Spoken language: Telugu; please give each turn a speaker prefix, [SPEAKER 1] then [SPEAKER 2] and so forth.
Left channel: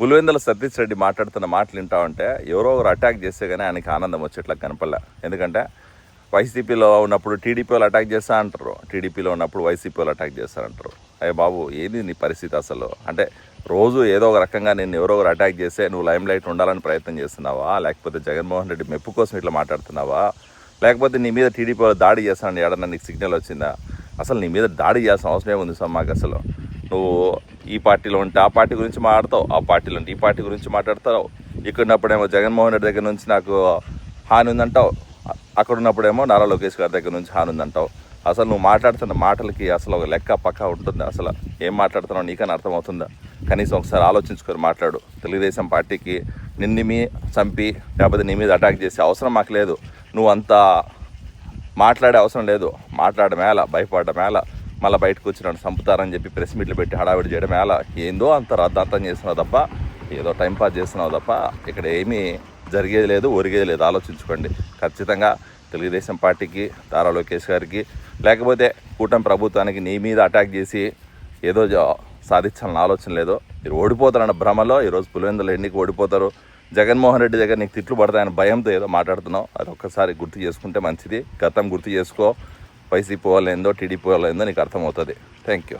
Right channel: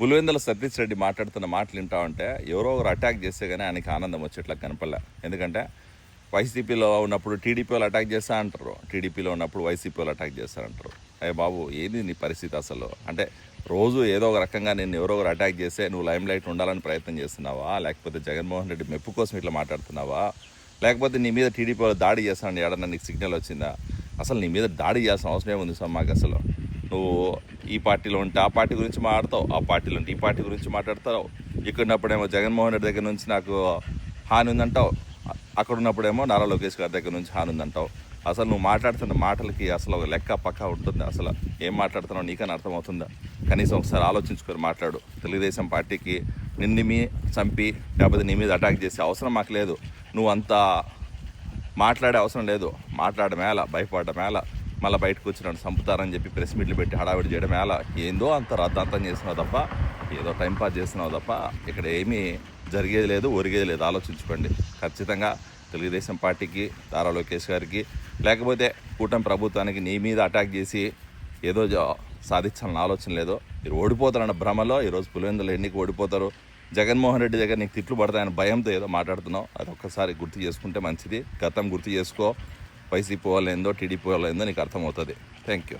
[SPEAKER 1] పులివెందుల సతీష్ రెడ్డి మాట్లాడుతున్న మాటలు వింటా ఉంటే ఎవరో ఒకరు అటాక్ చేస్తే కానీ ఆయనకి ఆనందం వచ్చేట్లా కనపడలే. ఎందుకంటే వైసీపీలో ఉన్నప్పుడు టీడీపీ వాళ్ళు అటాక్ చేస్తా అంటారు. టీడీపీలో ఉన్నప్పుడు వైసీపీ వాళ్ళు అటాక్ చేస్తారంటారు అయ్యే బాబు ఏది నీ పరిస్థితి అసలు? అంటే రోజు ఏదో ఒక రకంగా నేను ఎవరో ఒకరు అటాక్ చేస్తే నువ్వు లైమ్ లైట్ ఉండాలని ప్రయత్నం చేస్తున్నావా? లేకపోతే జగన్మోహన్ రెడ్డి మెప్పు కోసం ఇట్లా మాట్లాడుతున్నావా? లేకపోతే నీ మీద టీడీపీ వాళ్ళు దాడి చేస్తానని ఏడన్నా నీకు సిగ్నల్ వచ్చిందా? అసలు నీ మీద దాడి చేయాల్సిన అవసరం ఏముంది సార్ మాకు అసలు? నువ్వు ఈ పార్టీలో ఉంటే ఆ పార్టీ గురించి మాట్లాడతావు ఆ పార్టీలో ఉంటే ఈ పార్టీ గురించి మాట్లాడతావు. ఇక్కడ ఉన్నప్పుడేమో జగన్మోహన్ రెడ్డి దగ్గర నుంచి నాకు హాని ఉందంటావు. అక్కడ ఉన్నప్పుడేమో నారా లోకేష్ గారి దగ్గర నుంచి హాని ఉందంటావు. అసలు నువ్వు మాట్లాడుతున్న మాటలకి అసలు ఒక లెక్క పక్క ఉంటుంది. అసలు ఏం మాట్లాడుతున్నావు నీకని అర్థమవుతుందా? కనీసం ఒకసారి ఆలోచించుకొని మాట్లాడు. తెలుగుదేశం పార్టీకి నిన్నిమి చంపి లేకపోతే నీ మీద అటాక్ చేసే అవసరం మాకు లేదు. నువ్వు అంత మాట్లాడే అవసరం లేదు. మాట్లాడడం మేళ భయపడడం మేళ మళ్ళీ బయటకు వచ్చి నన్ను చంపుతారని చెప్పి ప్రెస్ మీట్లు పెట్టి హడావిడి చేయడం మేళ ఏందో అంత రద్దార్థం చేస్తున్నావు తప్ప ఏదో టైం పాస్ చేస్తున్నావు తప్ప ఇక్కడ ఏమీ జరిగేది లేదు ఒరిగేది లేదు. ఆలోచించుకోండి. ఖచ్చితంగా తెలుగుదేశం పార్టీకి తారా లోకేష్ గారికి లేకపోతే కూటమి ప్రభుత్వానికి నీ మీద అటాక్ చేసి ఏదో సాధించాలని ఆలోచన లేదు. మీరు ఓడిపోతారన్న భ్రమలో ఈరోజు పులివెందులు ఎన్నిక ఓడిపోతారు. జగన్మోహన్ రెడ్డి దగ్గర నీకు తిట్లు పడతాయని భయంతో ఏదో మాట్లాడుతున్నావు. అది ఒక్కసారి గుర్తు చేసుకుంటే మంచిది. గతం గుర్తు చేసుకో. వైసీపీ వాళ్ళు ఏందో టీడీపీ వాళ్ళు ఏందో నీకు అర్థమవుతుంది. Thank you